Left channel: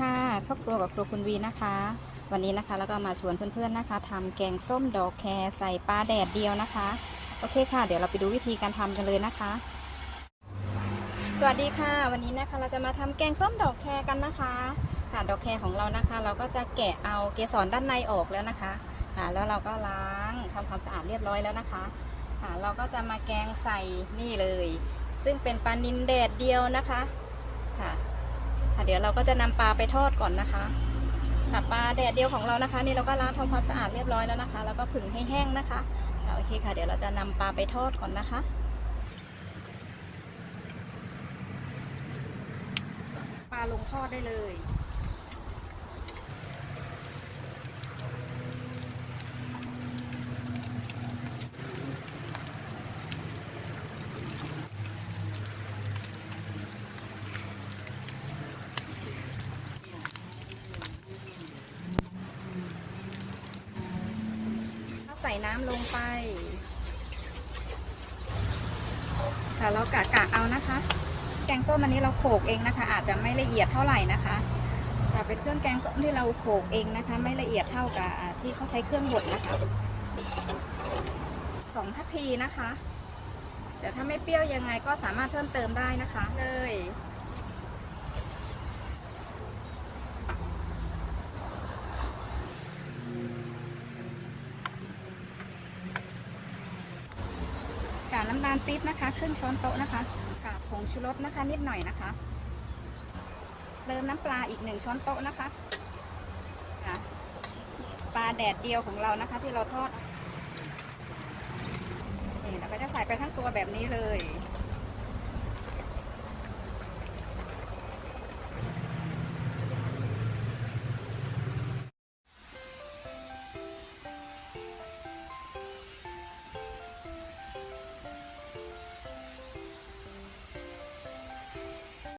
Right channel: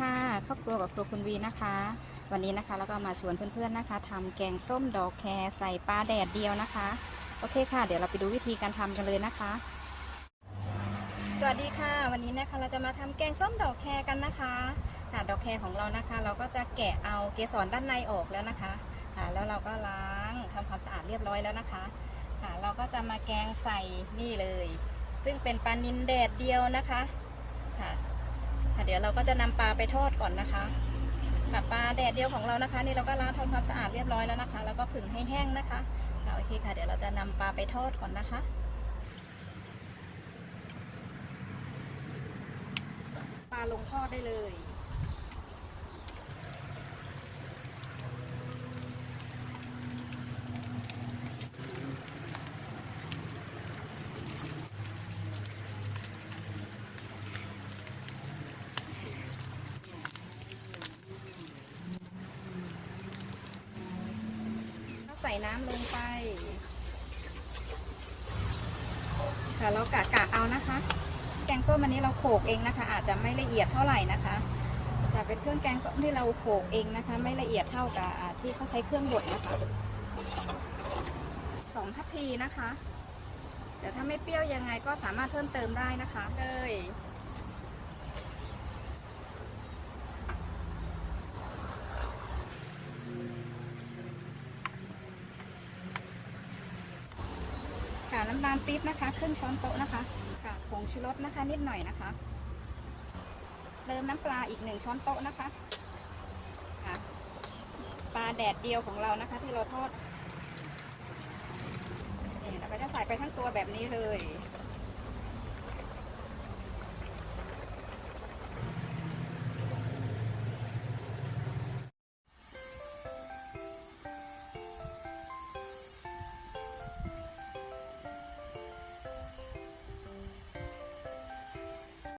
ค่ะครอบครัวกับครัวคุณวีนะคะ วันนี้นะคะแล้วก็มาชวนเพื่อนๆนะคะทำแกงส้มดอกแครใส่ปลาแดดเดียวนะคะ โอเคค่ะ เดี๋ยวเราไปดูวิธีการทำกันเลยนะคะ สวัสดีค่ะ วันนี้นะคะเราจะมาทำแกงส้มดอกแครกันนะคะค่ะดอกแครของเรานะคะ เราก็จะแกะเอาเกสรด้านในออกแล้วนะคะค่ะแล้วเราก็ล้างทำความสะอาดเรียบร้อยแล้วนะคะค่ะเราก็จะมาแกงใส่นี่เลย ซึ่งเป็นปลานินแดดเดียวนะคะค่ะ เดี๋ยวเราก็จะนำปลาไปทอดก่อนนะคะค่ะปลาแดดเดียวของเรานะคะ นี่เราก็ล้างทำความสะอาดเรียบร้อยแล้วนะคะ แล้วก็ผึ่งให้แห้งนะคะโอเคค่ะ เดี๋ยวเราจะนำปลาไปทอดก่อนนะคะปลาลงทอดได้เลย ใส่น้ำลงไปค่ะแล้วกะกะเอานะคะ แกงส้มอันนี้เราโขกเองนะคะ อาจจะไม่ละเอียดเท่าไหร่นะคะแต่เป็นเครื่องแกงส้มที่เราโขกเองนะคะ ไม่ละเอียดเท่ากับที่เขาใช้เครื่องบดนะคะสองทัพพีนะคะแต่ถ้าไม่เปรี้ยวยังไงก็สามารถเพิ่มเติมได้นะคะเลย น้ำตาลปี๊บนะคะครึ่งช้อนโต๊ะนะคะค่ะผงชูรสนะคะ นิดหน่อยนะคะเติมน้ำปลาอีกหนึ่งช้อนโต๊ะนะคะค่ะปลาแดดเดียวของเรานะคะ ที่เราทอดนี่เราก็จะใส่ไปทั้งตัวแบบนี้เลย